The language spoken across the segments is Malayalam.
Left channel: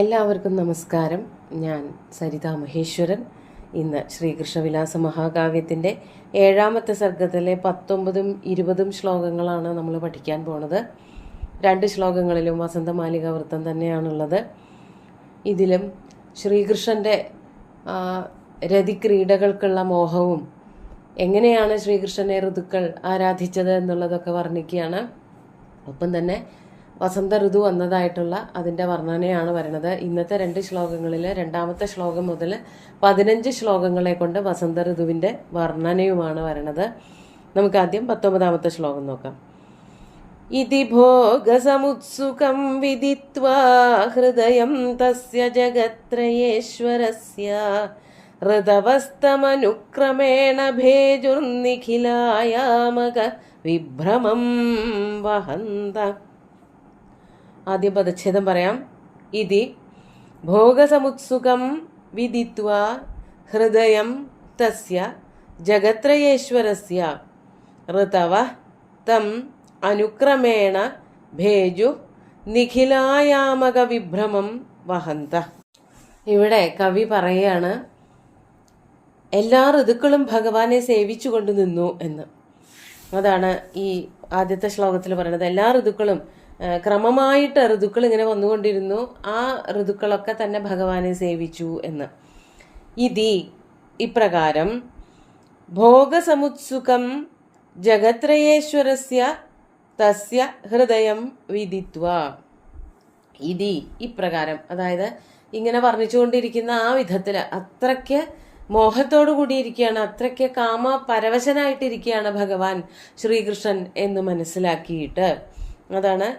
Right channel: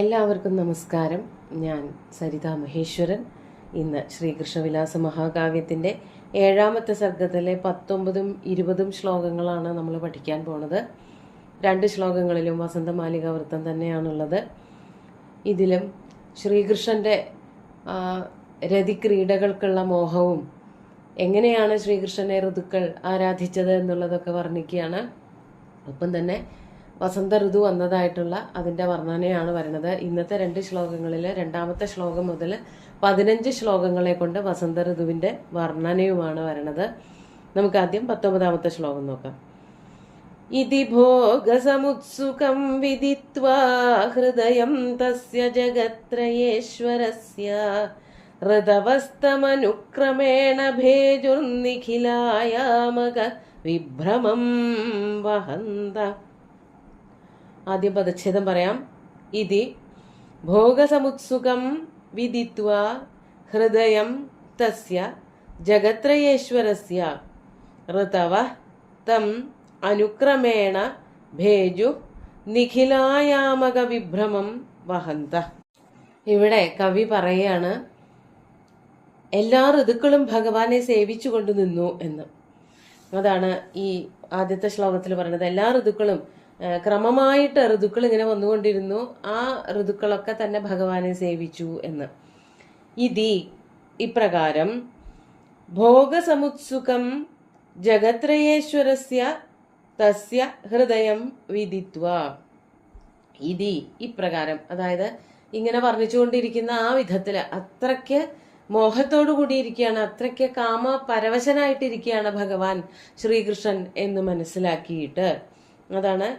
എല്ലാവർക്കും നമസ്കാരം. ഞാൻ സരിത മഹേശ്വരൻ. ഇന്ന് ശ്രീകൃഷ്ണവിലാസ മഹാകാവ്യത്തിൻ്റെ 7ാമത്തെ സർഗത്തിലെ 19ഉം 20ഉം ശ്ലോകങ്ങളാണ് നമ്മൾ പഠിക്കാൻ പോണത്. 2 ശ്ലോകങ്ങളിലും വസന്തമാലിക വൃത്തം തന്നെയാണുള്ളത്. ഇതിലും ശ്രീകൃഷ്ണൻ്റെ രതിക്രീഡകൾക്കുള്ള മോഹവും എങ്ങനെയാണ് ശ്രീകൃഷ്ണനെ ഋതുക്കൾ ആരാധിച്ചത് എന്നുള്ളതൊക്കെ വർണ്ണിക്കുകയാണ്. ഒപ്പം തന്നെ വസന്ത ഋതു വന്നതായിട്ടുള്ള അതിൻ്റെ വർണ്ണനയാണ് വരുന്നത്. ഇന്നത്തെ 2 ശ്ലോകങ്ങളിൽ 2ാമത്തെ ശ്ലോകം മുതൽ 15 ശ്ലോകങ്ങളെ കൊണ്ട് വസന്ത ഋതുവിൻ്റെ വർണ്ണനയുമാണ് വരുന്നത്. നമുക്ക് ആദ്യം 19ാമത്തെ ശ്ലോകം നോക്കാം. ഇതി ഭോഗസമുത്സുകം വിദിത്വാ ഹൃദയം തസ്യ ജഗത്രയേശ്വരസ്യ ഋതവസ്തമനുക്രമേണ ഭേജുർനിഖിലായാമക വിഭ്രമം വഹന്ത. ആദ്യം പദച്ഛേദം പറയാം. ഇതി ഭോഗസമുത്സുകം വിദിത്വാ ഹൃദയം തസ്യ ജഗത്രയേശ്വരസ്യ ഋതവ തം അനുക്രമേണ ഭേജു നിഖിലായാമക വിഭ്രമം വഹന്ത. ഇവിടെ കവി പറയാണ്, എല്ലാ ഋതുക്കളും ഭഗവാനെ സേവിച്ചുകൊണ്ട് നിന്നു എന്ന്. അതാണ് ഈ ആദ്യത്തെ ശ്ലോകത്തിൽ പറയുന്നത്. എല്ലാ ഋതുക്കളും ക്രമമായിട്ട് ഋതുക്കൾ ഇങ്ങനെ വന്നുകൊണ്ടിരുന്നു. ആ ഋതുക്കളൊക്കെ തന്നെ ഭഗവാനെ സേവിച്ചു എന്ന്. ഇതി ഇപ്രകാരം ഭോഗസമുത്സുകം ജഗത്രയേശ്വരസ്യ തസ്യ ഹൃദയം വിദിത്വ. ഇതി ഇപ്രകാരം, അതായത് ഇങ്ങനെ വർണ്ണിച്ചുകൊണ്ടിരിക്കുന്ന ആ വിധത്തിൽ അത്രയ്ക്ക് മോഹത്തോടു കൂടിയിരിക്കുകയാണ്, അത്രയ്ക്ക് കാമ പരവശനായിട്ടിരിക്കുകയാണ് ഭഗവാൻ ശ്രീകൃഷ്ണൻ എന്ന് മനസ്സിലാക്കിയിട്ട്, അതാണ്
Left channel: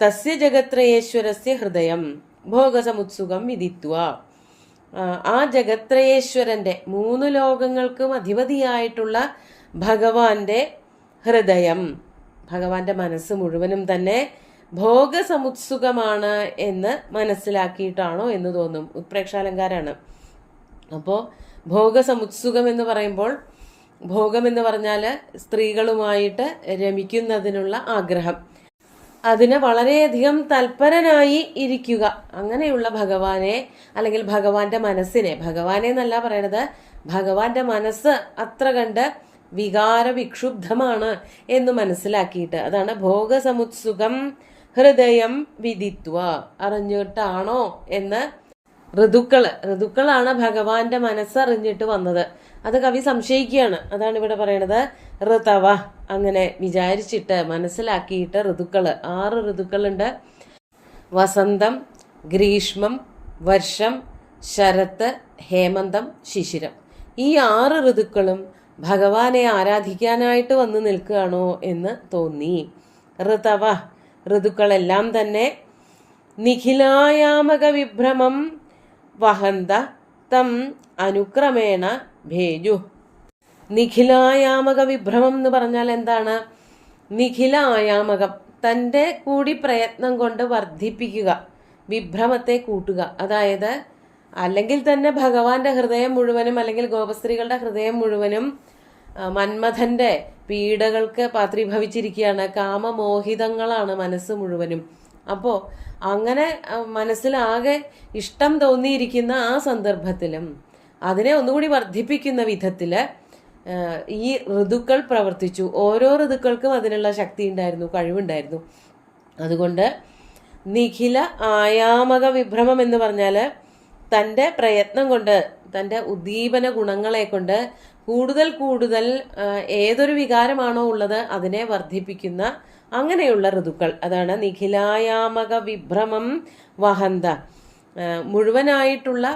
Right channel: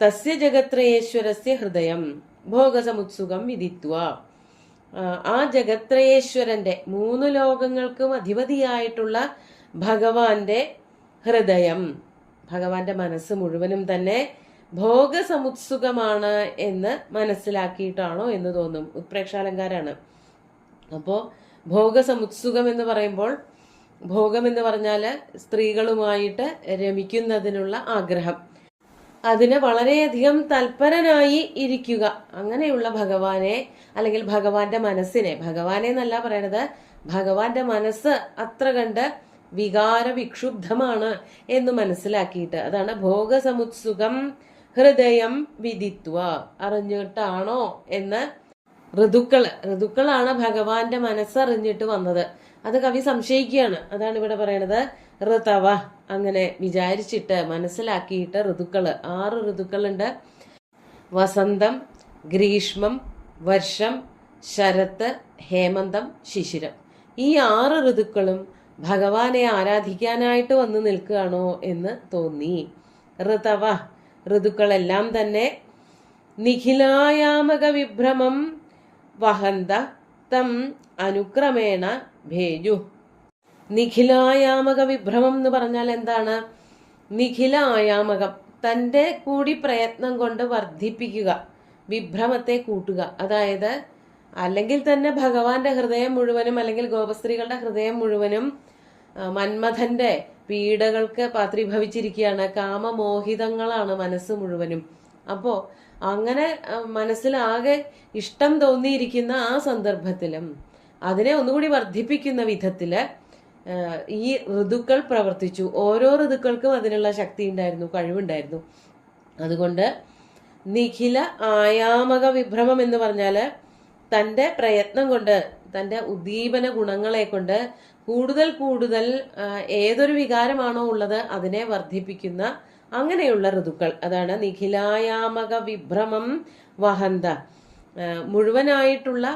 തസ്യ ജഗത്രയേശ്വരസ്യ ഹൃദയം ഭോഗസമുത്സുകം വിദിത്വ. ആ ജഗത്രയേശ്വരന്റെ 3 ലോകങ്ങൾക്കും അധിപതിയായിട്ടുള്ള ഭഗവാന്റെ ഹൃദയം, ഭഗവാന്റെ മനസ്സ് മുഴുവനും തന്നെ ഭോഗസമുത്സുകമാണ് എന്ന് മനസ്സിലാക്കിയിട്ടാണോ എന്ന് തോന്നും. ഉത്പ്രേക്ഷാലങ്കാരാണ്. അപ്പോൾ ഭോഗസമുത്സുകം എന്ന് പറയുമ്പോൾ, ഭോഗം എന്ന് പറഞ്ഞാൽ സ്ത്രീകളുമായിട്ട് രമിക്കുന്നതിനുള്ള ആഗ്രഹം, അതിന് വളരെയധികം തൽപരനായി ഇരിക്കുക, അങ്ങനെയുള്ള ഭഗവാനെ അല്ലെങ്കിൽ ഭഗവാന്റെ മനസ്സിനെ, ഭഗവാനെ എന്നല്ല പറയണത്, ഭഗവാന്റെ മനസ്സ് അത്ര കണ്ട് വികാര വിക്ഷുബ്ധമാണ് എന്ന് മനസ്സിലാക്കിയിട്ട്, അതാണ് ഭോഗസമുത്സുകം ഹൃദയം വിദിത്വ. അറിഞ്ഞിട്ടാണോ എന്ന് ഋതുക്കളാണ് ഭഗവാന്റെ മനസ്സറിഞ്ഞിട്ട് വന്നത്. അത് കവി സംശയിക്കുകയാണ്. അതാണ് ഇവിടെ പറയണത്. ഋതവ, അങ്ങനെ വിചാരിച്ചിട്ട് മനസ്സിലാക്കിയിട്ട് ഋതുക്കള് 6 ഋതുക്കളുണ്ട്. വസന്തം, ഗ്രീഷ്മം, വർഷം, ശരത്ത്, ഹേമന്തം, ശിശിരം. ഈ 6 ഋതുക്കളും ഭഗവാനെ ആരാധിക്കാനായിട്ട് വന്നു നിൽക്കുകയാണോ എന്ന് തോന്നി. ഋതവ, ഋതുക്കളെല്ലാം തന്നെ നിഖിലായാമക വിഭ്രമം വഹന്ത തം അനുക്രമേണ ഭേജു. നിഖിലായാമക വിഭ്രമം എന്ന് പറഞ്ഞാൽ എന്താണ്? നിഖില ആയാമകം, തൻ്റെ കൂടി പ്രയത്നം കൊണ്ട് വർദ്ധിപ്പിക്കുക, വിഭ്രമത്തെ കൂട്ടുക. അതായത് അല്ലെങ്കിൽ തന്നെ ഭഗവാന്റെ ഹൃദയം മുഴുവനും, അല്ലെങ്കിൽ ഗോപസ്ത്രീകളുടെ ഹൃദയം മുഴുവനും മന്മഥന്റെ പീഡകൾക്ക് പാത്രീഭവിച്ചിരിക്കുകയാണ്. കാമമോഹിതങ്ങളാണ് മനസ്സ് മുഴുവനും. അപ്പോൾ അങ്ങനെ മനസ്സിലാകെ ഇഷ്ടം തോന്നിയിരിക്കുന്ന ആ സന്ദർഭത്തിലും അതിനെ ഒന്നുകൂടി വർദ്ധിപ്പിക്കുന്ന വിധത്തില് ഈ ഋതുക്കൾ പ്രവർത്തിച്ചു. ഓരോ ഋതുക്കൾക്കും അതിനുള്ള ശക്തി ഉണ്ടായിരുന്നു, കഴിവുണ്ടായിരുന്നു. അതുകൊണ്ട് നിഖില ആയാമക വിഭ്രമം എന്ന് പറഞ്ഞാല് തൻ്റെ പ്രയത്നം കൊണ്ട്, തൻ്റെ ഉദ്ദീപന ഗുണങ്ങളെ കൊണ്ട് കൂടുതൽ ഏതൊരു വികാരമാണോ ഉള്ളത് അതിനെ വർദ്ധിപ്പിക്കുന്ന അങ്ങനെയുള്ള ഋതുക്കൾ, അതാണ് നിഖിലായാമക വിഭ്രമം വഹന്ത. മുഴുവനായിട്ടുള്ള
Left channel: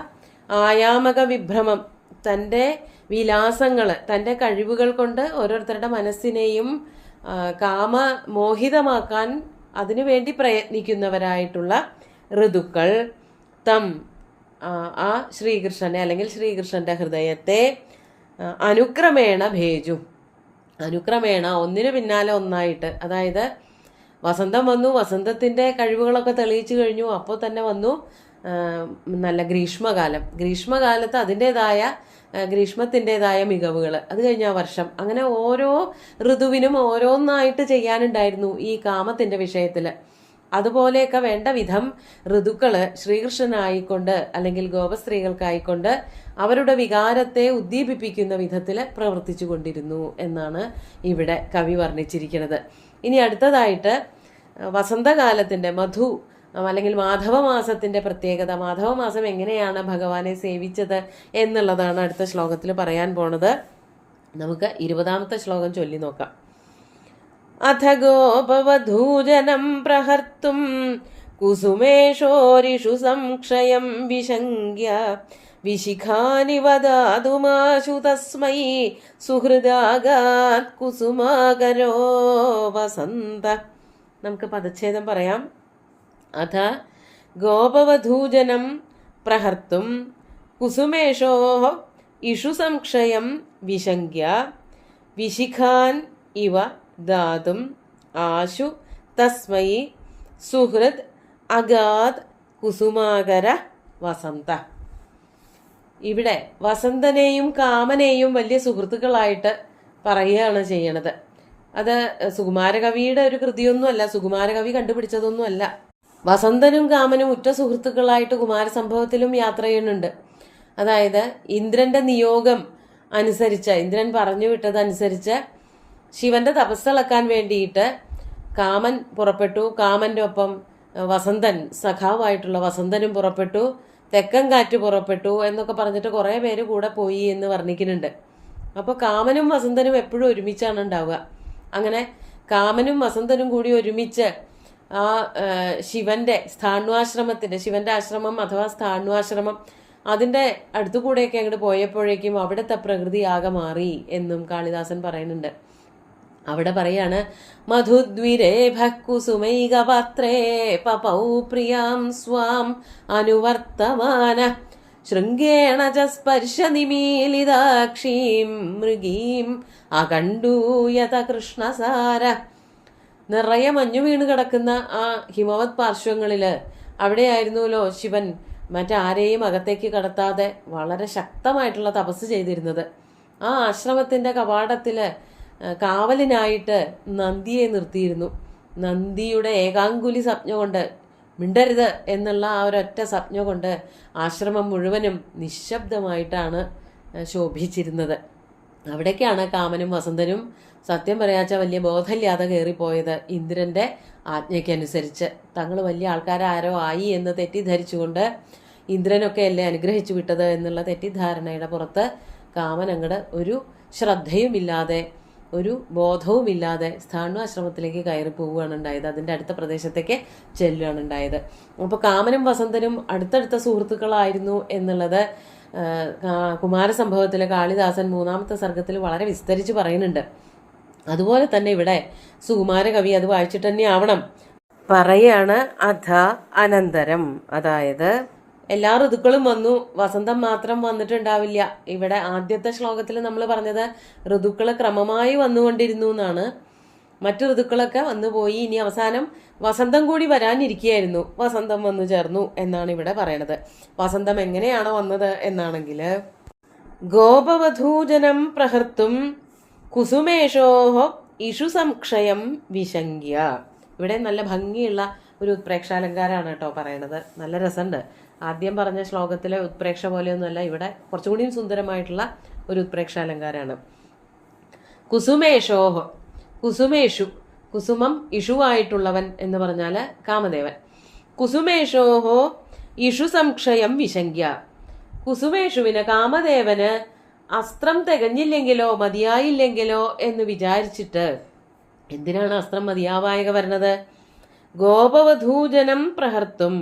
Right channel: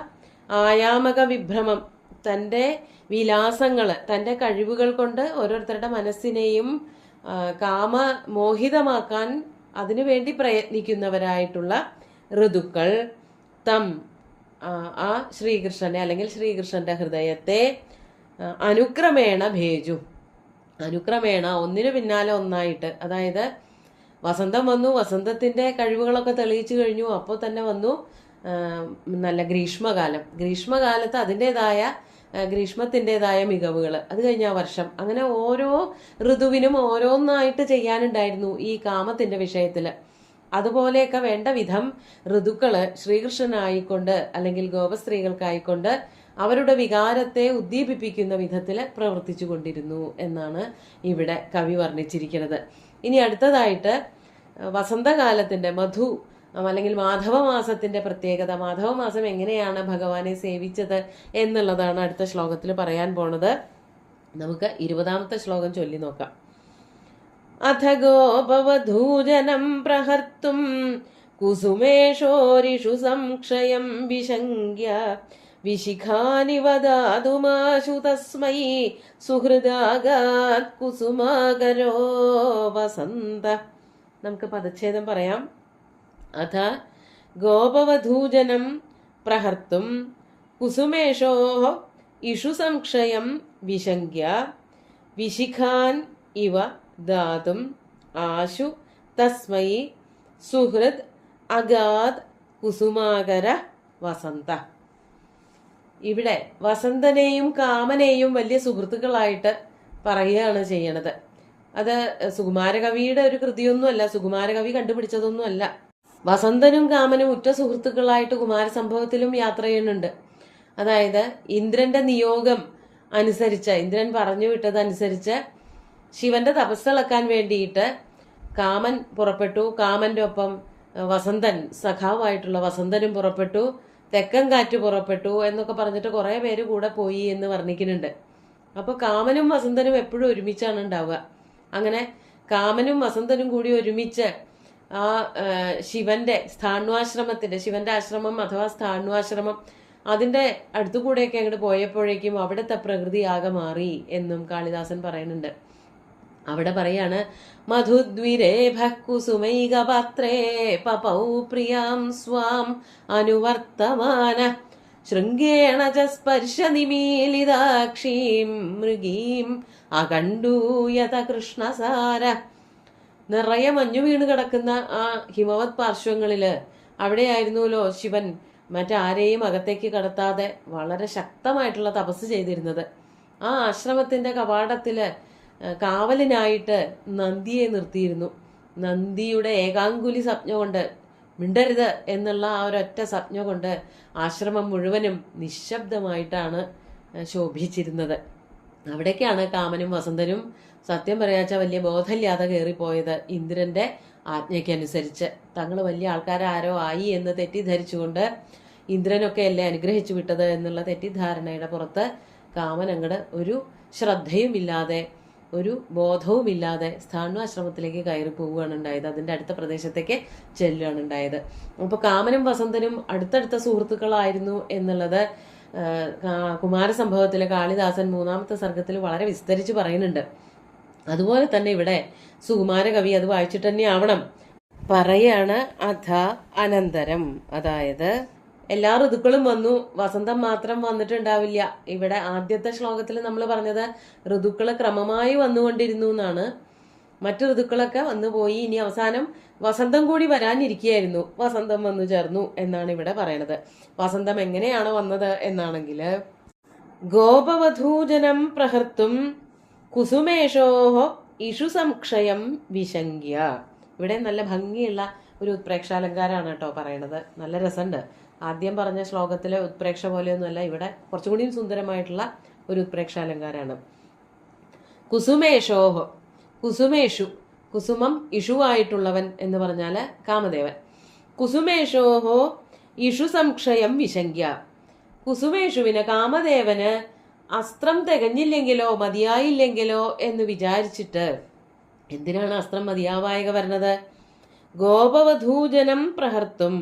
ആയാമക വിഭ്രമം, തൻ്റെ വിലാസങ്ങൾ, തൻ്റെ കഴിവുകൾ കൊണ്ട് ഓരോരുത്തരുടെ മനസ്സിനെയും കാമമോഹിതമാക്കാൻ അതിനുവേണ്ടി പ്രയത്നിക്കുന്നവരായിട്ടുള്ള ഋതുക്കൾ തം, ആ ശ്രീകൃഷ്ണനെ അല്ലെങ്കിൽ ശ്രീകൃഷ്ണന്റെ ഹൃദയത്തെ അനുക്രമേണ ഭേജു. അനുക്രമേണ, ഒന്നിനു പിന്നാലെ ഒന്നായിട്ട്, അതായത് വസന്തം വന്നു, വസന്തത്തിന്റെ കഴിവുകളൊക്കെ തെളിയിച്ചു കഴിഞ്ഞു. അപ്പോൾ തന്നെ വന്നു നല്ല ഗ്രീഷ്മകാലം. ഗ്രീഷ്മകാലത്ത് അതിൻ്റെതായ ഗ്രീഷ്മത്തിൻ്റെതായ മികവുകൾ, അത് കഴിഞ്ഞ വർഷം, അങ്ങനെ ഓരോ ഋതുവിനും ഓരോന്നായിട്ട് ചെയ്യാനുണ്ടായിരുന്നു ഈ കാമത്തിന്റെ വിഷയത്തിൽ. അതുപോലെയൊക്കെ വേണ്ട വിധം ഋതുക്കള് ശ്രീകൃഷ്ണനായിക്കൊണ്ട് അല്ലെങ്കിൽ ഗോപസ്ത്രീകൾക്കായിക്കൊണ്ട് അവരുടെ വികാരത്തെ ഉദ്ദീപിപ്പിക്കുന്ന വിധത്തിൽ പ്രവർത്തിച്ചു കൊണ്ടിരുന്നു എന്നാണ് ഇവിടെ കവി വർണ്ണിച്ചിരിക്കുന്നത്. ഇനി അടുത്തതായിട്ട് വസന്തകാലത്തിന്റെ മധു അല്ലെങ്കിൽ മാധവമാസത്തിന്റെ പ്രത്യേകത, മാധവമാസം എങ്ങനെയാണ് ഭഗവാനെ സേവിച്ചത് എന്നുള്ളതാണ് അടുത്ത ശ്ലോകത്തിൽ പറയാൻ പോണത്. നമുക്ക് 20ാമത്തെ ശ്ലോകം ചൊല്ലി നോക്കാം. അഥ ഗോപവധൂജനം പ്രഹർത്തും കുസുമേഷോരിഷു സംക്ഷയം വിശങ്ക്യ വിശിഖാനിവ ദാതുമാശു തസ്മൈ സുഹൃദാഗാത് കുസുമാകരോ വസന്ത. നമുക്ക് പദച്ഛേദം പറയാം. അഥ ഗോപവധൂജനം പ്രഹർത്തും കുസുമേഷോ ഇഷു സംക്ഷയം വിശങ്ക്യ വിശിഖാൻ ഇവ ദാതും ആശു തസ്മൈ സുഹൃദ് അഗാത് കുസുമാകര വസന്ത. ഇവിടെ വസന്തനെയും കാമനെയും വലിയ സുഹൃത്തുക്കളായിട്ട് പറയുകയാണ് ചെയ്യണത്. അത് സുകുമാരകവിയുടെ ഒരു കൃതിയൊന്നുമല്ല, സുകുമാരകവി കണ്ടുപിടിച്ചതൊന്നുമല്ല. വസന്തനും കാമനും ഉറ്റ സുഹൃത്തുക്കളായിട്ട് കുമാരസംഭവത്തിലും യാത്ര ചെയ്യുന്നുണ്ട്. അതായത് ഇന്ദ്രന്റെ നിയോഗം അനുസരിച്ച്, ഇന്ദ്രൻ പറഞ്ഞു വിട്ടതനുസരിച്ച് ശിവന്റെ തപസ്സളക്കാൻ വേണ്ടിയിട്ട് കാമൻ പുറപ്പെട്ടു. കാമന്റെ ഒപ്പം വസന്തൻ, സഖാവായിട്ടുള്ള വസന്തനും പുറപ്പെട്ടു. തെക്കൻ കാറ്റ് പുറപ്പെട്ടു എന്നൊക്കെ പറഞ്ഞിട്ട് കുറെ പേര് കൂടെ പോയി എന്ന് വർണ്ണിക്കുന്നുണ്ട്. അപ്പൊ കാമനും വസന്തനും എപ്പോഴും ഒരുമിച്ചാണ് ഉണ്ടാവുക. അങ്ങനെ കാമനും വസന്തനും കൂടി ഒരുമിച്ച് ആ ശിവന്റെ സ്ഥാണ്വാശ്രമത്തിന്റെ, ശിവന്റെ ആശ്രമം അഥവാ സ്ഥാണ്വാശ്രമം, അതിന്റെ അടുത്തുകൂടെയൊക്കെ അങ്ങോട്ട് പോയപ്പോഴേക്കും അവിടുത്തെ പ്രകൃതി ആകെ മാറി എന്നും കാളിദാസൻ പറയുന്നുണ്ട്. അവിടെ പറയാണ്, മധുദ്വിരേഭ കുസുമൈകപാത്രേ പപൗ പ്രിയാം സ്വാം അനുവർത്തമാന ശൃംഗേണ ച സ്പർശ നിമീലിതാക്ഷീം മൃഗീം അകണ്ടൂയത കൃഷ്ണസാര. നിറയെ മഞ്ഞു വീണ് കിടക്കുന്ന ആ ഹിമവത് പാർശ്വങ്ങളില് അവിടെയായിരുന്നല്ലോ ശിവൻ മറ്റാരെയും അകത്തേക്ക് കടത്താതെ വളരെ ശക്തമായിട്ടുള്ള തപസ് ചെയ്തിരുന്നത്. ആ ആശ്രമത്തിന്റെ കവാടത്തില് കാവലിനായിട്ട് നന്ദിയെ നിർത്തിയിരുന്നു. നന്ദിയുടെ ഏകാങ്കുലി സംജ്ഞ കൊണ്ട്, മിണ്ടരുത് എന്നുള്ള ആ ഒരൊറ്റ സംജ്ഞ കൊണ്ട് ആശ്രമം മുഴുവനും നിശബ്ദമായിട്ടാണ് ശോഭിച്ചിരുന്നത്. അവിടേക്കാണ് കാമനും വസന്തനും സത്യം പറയാച്ച വലിയ ബോധമില്ലാതെ കയറിപ്പോയത്. ഇന്ദ്രന്റെ ആജ്ഞയ്ക്കനുസരിച്ച് തങ്ങൾ വലിയ ആൾക്കാരാരോ ആയി എന്ന് തെറ്റിദ്ധരിച്ചുകൊണ്ട് ഇന്ദ്രനൊക്കെ അല്ലേ അനുഗ്രഹിച്ചു വിട്ടത് എന്നുള്ള തെറ്റിദ്ധാരണയുടെ പുറത്ത് കാമൻ അങ്ങട് ഒരു ശ്രദ്ധയുമില്ലാതെ, ഒരു ബോധവുമില്ലാതെ സ്ഥാണ്വാശ്രമത്തിലേക്ക് കയറി പോവുകയാണ് ഉണ്ടായത്. അതിന്റെ അടുത്ത പ്രദേശത്തേക്ക് ചെല്ലുകയാണ് ഉണ്ടായത്. അപ്പൊ കാമനും വസന്തനും അടുത്തടുത്ത സുഹൃത്തുക്കളായിരുന്നു എന്നുള്ളത് കുമാരസംഭവത്തിലെ കാളിദാസൻ 3ാമത്തെ സർഗത്തിൽ വളരെ വിസ്തരിച്ച് പറയുന്നുണ്ട്. അതുപോലെ തന്നെ ഇവിടെ സുകുമാരകവി അത് വായിച്ചിട്ട് തന്നെ ആവണം പറയാണ്. അഥ അനന്തരം, അതായത് എല്ലാ ഋതുക്കളും വന്നു, വസന്തം മാത്രം വന്നിട്ടുണ്ടാവില്ല. ഇവിടെ ആദ്യത്തെ ശ്ലോകത്തിൽ നമ്മൾ പറഞ്ഞത് ഋതുക്കള് ക്രമമായി വന്നുകൊണ്ടിരുന്നു എന്നാണ്. മറ്റു ഋതുക്കളൊക്കെ വന്നു പോയി, ഇനി അവസാനം വസന്തം കൂടി വരാനിരിക്കുകയായിരുന്നു. വസന്തം വന്നു ചേർന്നു എന്നാണ് ഇവിടെ പറയണത്. വസന്തം എങ്ങനെയാണോ വന്നത് എന്നാണെങ്കിൽ, ഗോപവധൂജനം പ്രഹർത്തും കുസുമേഷോഹോ ഇഷു സംക്ഷയം വിശങ്ക്യ. ഇവിടെ നല്ല ഭംഗിയുള്ള ഒരു ഉത്പ്രേക്ഷാലങ്കാരാണ് കേട്ടോ പറയണത്. നല്ല രസമുണ്ട്. ആദ്യം പറഞ്ഞ ശ്ലോകത്തിലെ ഉത്പ്രേക്ഷ പോലെയൊന്നുമല്ല, ഇവിടെ കുറച്ചുകൂടിയും സുന്ദരമായിട്ടുള്ള ഒരു ഉത്പ്രേക്ഷാലങ്കാരാണ്. കുസുമേഷോഹോ, കുസുമേഷു, കുസുമം ഇഷുവായിട്ടുള്ളവൻ എന്ന് പറഞ്ഞാല് കാമദേവൻ. കുസുമേഷോഹോ ഇഷു സംക്ഷയം വിശങ്ക്യ. കുസുമേഷുവിന്, കാമദേവന് അസ്ത്രം തികഞ്ഞില്ലെങ്കിലോ മതിയായില്ലെങ്കിലോ എന്ന് വിചാരിച്ചിട്ട്, എന്തിനാണ് അസ്ത്രം മതിയാവായക വരുന്നത്? ഗോപവധൂജനം പ്രഹർത്തും,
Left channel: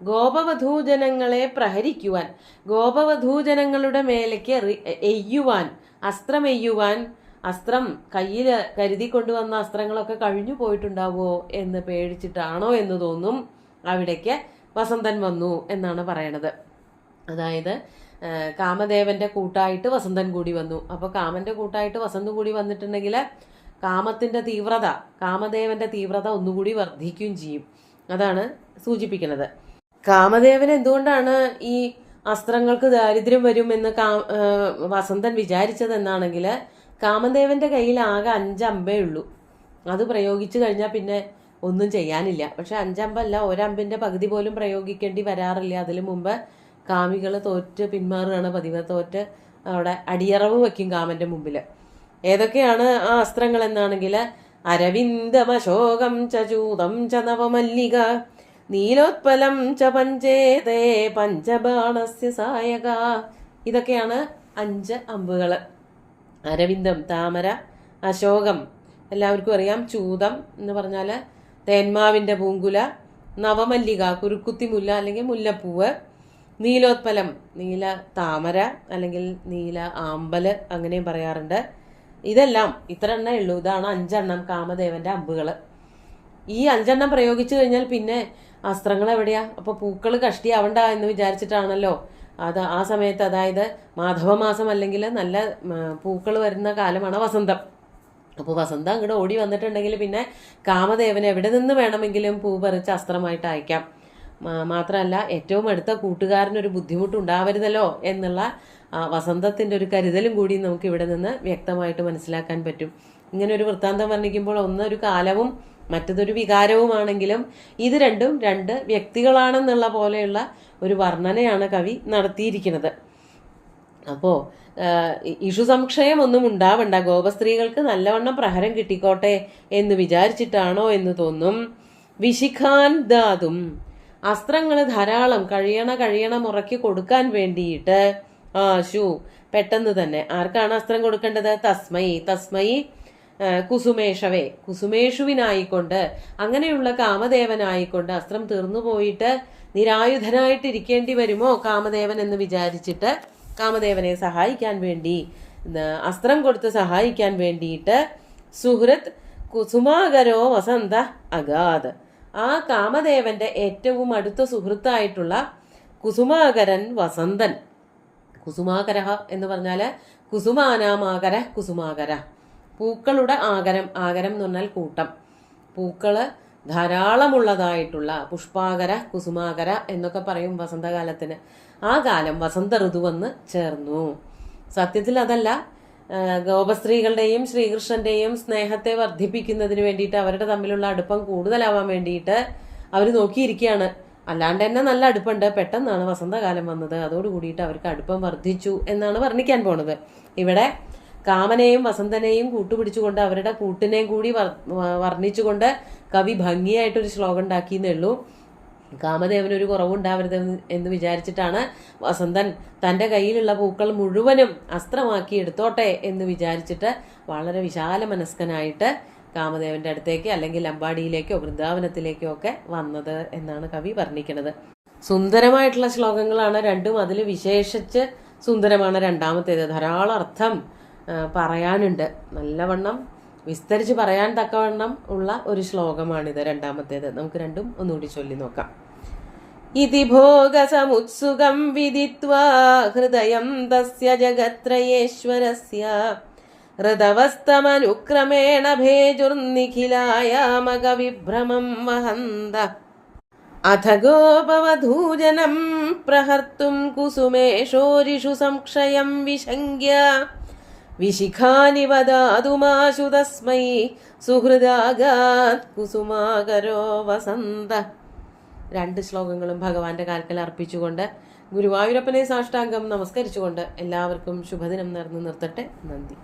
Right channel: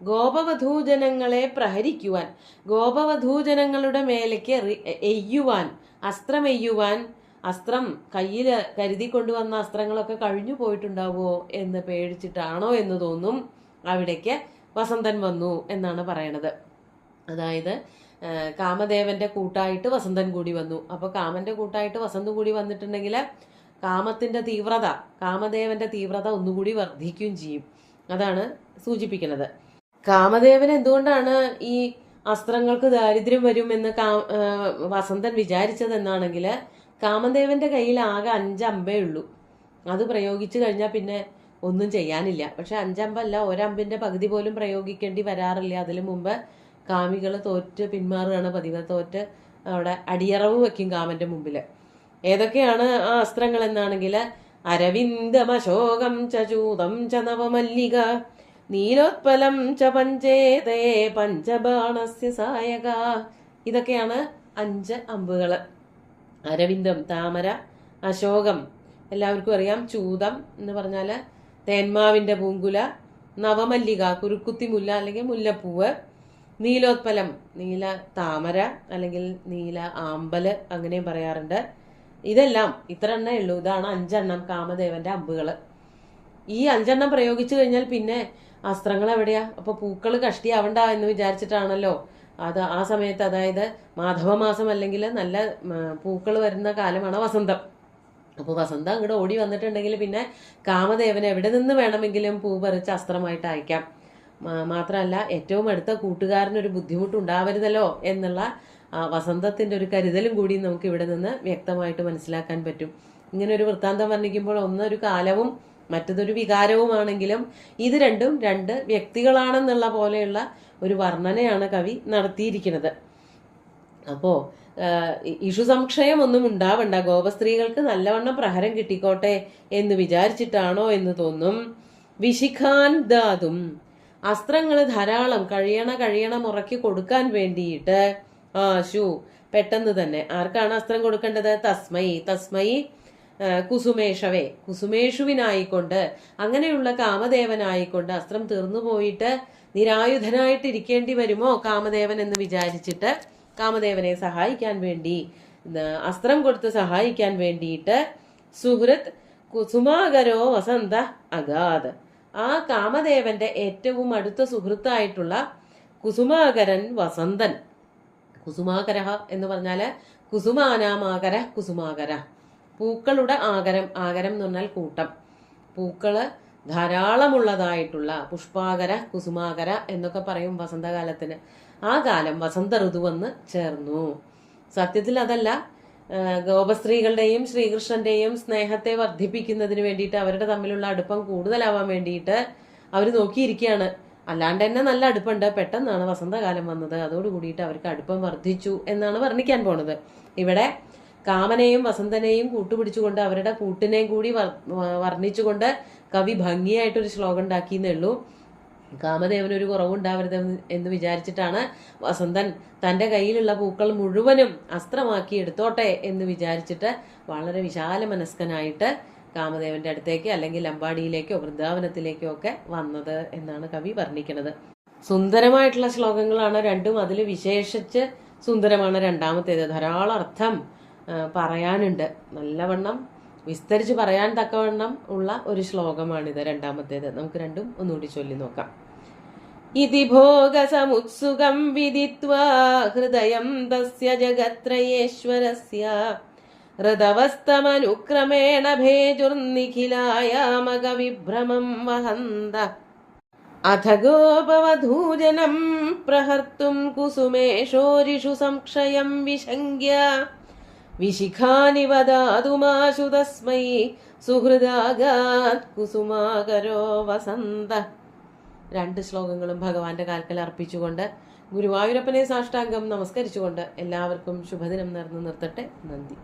ഗോപവധൂജനങ്ങളെ പ്രഹരിക്കുവാൻ, ഗോപവധൂജനങ്ങളുടെ മേലേക്ക് എയ്യുവാൻ, അസ്ത്രം എയ്യുവാൻ. അസ്ത്രം കയ്യിൽ കരുതി കൊണ്ടുവന്ന അസ്ത്രങ്ങളൊക്കെ കഴിഞ്ഞു പോയിട്ടുണ്ടാവുമോ എന്ന് പേടിച്ചിട്ടാണോ എന്ന് തോന്നും. അവിടേക്ക് വസന്തൻ വന്നു എന്നാണ് പറയണത്. അതായത് കാമദേവന്റെ കൂട്ടായിട്ട് വസന്തൻ കൂടി വന്നു. അപ്പൊ കാമന്റെ കൂട്ടായിട്ട് വസന്തം കൂടി വന്നിട്ടുണ്ടെങ്കിൽ കാമത്തിന്റെ തീവ്രത, കാമദേവന്റെ തീവ്രത ഒന്നുകൂടി വർദ്ധിക്കുകയും ചെയ്യും. അതാണ് സൂചിപ്പിക്കുന്നത്. കാമദേവൻ എന്തുകൊണ്ടാണ് ഈ അസ്ത്രങ്ങൾക്ക് ദാരിദ്ര്യം വരും എന്ന് വസന്തൻ വിചാരിച്ചതെന്നാണെങ്കിൽ, കാമദേവന്റെ കയ്യിൽ ആകെ 5 അമ്പേ ഉള്ളൂ. അത് പ്രയോഗിച്ചു കഴിഞ്ഞാൽ പിന്നെ ഒന്നും ചെയ്യാനില്ല. പക്ഷെ 5 അമ്പല്ല, 1 അമ്പിന്റെ പകുതി പോലും പ്രയോഗിക്കേണ്ടി വരാറില്ല. അതിനു മുമ്പ് കാമികൾ തോറ്റ് പിന്മാറുകയാണ് പതിവ്. തോറ്റ് അവിടെ അടിയറവ് വെക്കും കാമന്റെ മുമ്പിൽ. ഏതൊക്കെയാണ് ആ അസ്ത്രങ്ങൾ എന്നാണെങ്കിൽ, അരവിന്ദമശോകം ചൂതം ച നവമല്ലിക നീലോത്പലം ച പഞ്ചേതേ പഞ്ചബാണസ്യ സായക. ഇതൊക്കെയാണ് 5 അമ്പുകൾ. അരവിന്ദം താമര, അശോകം എല്ലാവർക്കും അറിയാം, ചൂതം എന്ന് പറഞ്ഞാൽ തേന്മാവിൻ്റെ പൂങ്കുല, നവമല്ലിക കുരുക്കുത്തി മുല്ല അല്ലെങ്കിൽ മുല്ലപ്പൂവ്, നീലോത്പലം നീല താമര അല്ലെങ്കിൽ നീല ആമ്പല് അങ്ങനെയും പറയാറുണ്ട്. ഇതെല്ലാം ഇത്ര എണ്ണേ ഉള്ളൂ. ഇതാണ് 5 എണ്ണം കാമദേവന്റെ അമ്പുകൾ. ഈ 5 എണ്ണം പ്രയോഗിച്ചു കഴിഞ്ഞാൽ പിന്നെ അസ്ത്രങ്ങൾ എവിടെയാ? അപ്പൊ പൂക്കൾ കഷ്ടിയാവണ്ട എന്ന് വിചാരിച്ചിട്ടാണല്ലോ അത് ആ സമയത്ത്, അതായത് മാധവമാസം അല്ലെങ്കിൽ നല്ല പൂക്കൾ വരുന്ന കാലമാണ് വസന്തം. അപ്പോൾ വസന്തം അങ്ങോട്ട് ഓടി വന്നിട്ടുണ്ടെങ്കിൽ പിന്നെ കാമദേവന് എവിടെ നിന്ന് വേണമെങ്കിലും പൂ പറിച്ച് അസ്ത്രമായിട്ട് അയക്കാം. മാത്രമല്ല ഏറ്റവും അടുത്ത കൂട്ടുകാരനൊരു ബുദ്ധിമുട്ടുണ്ടാവരുതല്ലോ എന്നുള്ള വസന്തത്തിന്റെ ഒരു കരുതലും കൂടി നമുക്ക് ഇവിടെ നിന്ന് വ്യക്തമായിട്ട് മനസ്സിലാക്കാൻ പറ്റും. ഇങ്ങനെ ഒരു വൃത്താന്തം വർണ്ണിക്കുമ്പോൾ ഒന്നൊരു കാലവും മറ്റതൊരു വികാരവുമാണെങ്കിലും ഇത് രണ്ടും 2 വ്യക്തികളാണെന്നുള്ള പോലെയുള്ള ഒരു വർണ്ണനയാണ് കവി നടത്തിയിരിക്കുന്നത്. അപ്പോ ഇഷു സംശയം ഒന്നും ഉണ്ടാവണ്ട, ഗോപസ്ത്രീകൾക്ക് നല്ലവണ്ണം പ്രഹരം കിട്ടിക്കോട്ടെ എന്ന് വിചാരിച്ചിട്ടാണോ എന്ന് തോന്നും. വിശിഖാൻ ദാതും, അസ്ത്രങ്ങൾ ധാരാളം കഴിയണ മുറയ്ക്ക് കൊടുക്കാൻ വേണ്ടിയിട്ട് ആശു പെട്ടെന്ന് തന്നെ ആർക്കാണ് അസ്ത്രം കൊടുക്കേണ്ടത്? തസ്മൈ കുസുമേഷവേ, കുസുമേഷുവിനായിക്കൊണ്ട്, അങ്ങനെയുള്ള കാമദേവനായിക്കൊണ്ട് അസ്ത്രം തീർന്നു പോയിട്ട് നിരായുധനായിട്ടിരിക്കേണ്ടി വരുമോ കാമദേവൻ എന്ന് വിചാരിച്ചിട്ട് കാമദേവനെ സഹായിക്കാൻ വേണ്ടി, അസ്ത്രം കൊടുത്ത് സഹായിക്കാൻ വേണ്ടിയിട്ട് സുഹൃത് കുസുമാകരോ വസന്ത അഗാധ, ആ കാമദേവന്റെ ഏറ്റവും അടുത്ത സുഹൃത്തായിട്ടുള്ള കുസുമാകരൻ വസന്തൻ. കുസുമാകര എന്ന് പറഞ്ഞാല് കുസുമാനാമാകര, കുസുമാകര പൂക്കളുടെ ആകരം. ആകരം എന്ന് പറഞ്ഞാൽ കൂട്ടം, പൂക്കള് ധാരാളമുള്ളതായിട്ടുള്ള പുഷ്പാകര, കുസുമാകര എന്നൊക്കെ പറയും വസന്തകാലത്തിന്. ആ കാലം വസന്ത ഋതു വന്ന് ചേർന്നു. സത്യത്തിൽ അതല്ല, ഗോപസ്ത്രീകളുടെയും ശ്രീകൃഷ്ണന്റെയും സ്നേഹത്തെ വർദ്ധിപ്പിക്കുന്നതിന് വേണ്ടിയിട്ട്, അവരുടെ തമ്മിലുള്ള അടുപ്പം കൂടുതലാവാൻ വേണ്ടിയിട്ട് അവർ നോക്കിയിരിക്കുകയാണ്. അല്ലാണ്ട് തന്നെ നല്ല അടുപ്പുണ്ട്, പെട്ടെന്നാണ് വസന്തകാലം വന്നത്, അതോടുകൂടിയിട്ട് അവർക്ക് അടുപ്പം വർദ്ധിച്ചു എന്നാണ് വർണ്ണിക്കാൻ പോണത്. ഇവിടെ കാമനെയും വസന്തനെയും കൂട്ടുപിടിച്ചുകൊണ്ട് അവരുടെ കൂട്ടിനെയും കൂടി വർണ്ണിച്ചുകൊണ്ട് കവി ഭംഗിയായിട്ടൊരു ശ്ലോകം ഉണ്ടാക്കിയെന്നേ ഉള്ളൂ. കാമദേവനൊരു കുറവുണ്ടാവരുത് എന്ന് വിചാരിച്ചിട്ടാണ് വസന്തൻ തന്റെ കയ്യിലുള്ള പൂക്കൾ മുഴുവനും അസ്ത്രമാക്കി എടുത്തോട്ടെ എന്ന് വിചാരിച്ചിട്ട് വളരെ വിശാല മനസ്കനായിട്ട് കാമദേവന്റെ അടുത്തേക്ക് അല്ലെങ്കിൽ അമ്പാടിയിലേക്കോ വൃന്ദാവനത്തിലേക്കോ ഒക്കെ വന്നത് എന്നാണ് കവി വർണ്ണിക്കുന്നത്. സുന്ദരമായിട്ടുള്ള ശ്ലോകങ്ങളാണ് രണ്ടും. അതിൽ വിശേഷിച്ച് സുന്ദരമാണ് രണ്ടാമത്തേത്. ധാരാളം അർത്ഥം പറയാനുണ്ട്, നല്ലവണ്ണം വിസ്തരിച്ച് പറയാൻ തക്കവണ്ണം ഉള്ള ഒരു ശ്ലോകമാണിത് രണ്ടാമത്തേത്. നമുക്ക് രണ്ടും ഒന്നുകൂടി ചൊല്ലി നോക്കാം. ഇതി ഭോഗസമുത്സുകം വിദിത്വാ ഹൃദയം തസ്യ ജഗത്രയേശ്വരസ്യ ഹൃദവസ്തമനുക്രമേണ ഭേജുർനിഖിലായാമക വിഭ്രമം വഹന്ത അഥ ഗോപവധൂജനം പ്രഹർത്തും കുസുമേഷോരിഷു സംക്ഷയം വിശങ്ക്യ വിശിഖാനി വദാതുമാശു തസ്മൈ സുഹൃദാഗാത് കുസുമാകരോ വസന്ത. 2 ശ്ലോകങ്ങളും ഭഗവാന്റെ കാൽക്കൽ അർപ്പിച്ചുകൊണ്ട് ഗുരുവായൂരപ്പനെ സാഷ്ടാംഗം നമസ്കരിച്ചുകൊണ്ട് എല്ലാവർക്കും ശുഭദിനം നേർന്നു നിർത്തട്ടെ. നന്ദി.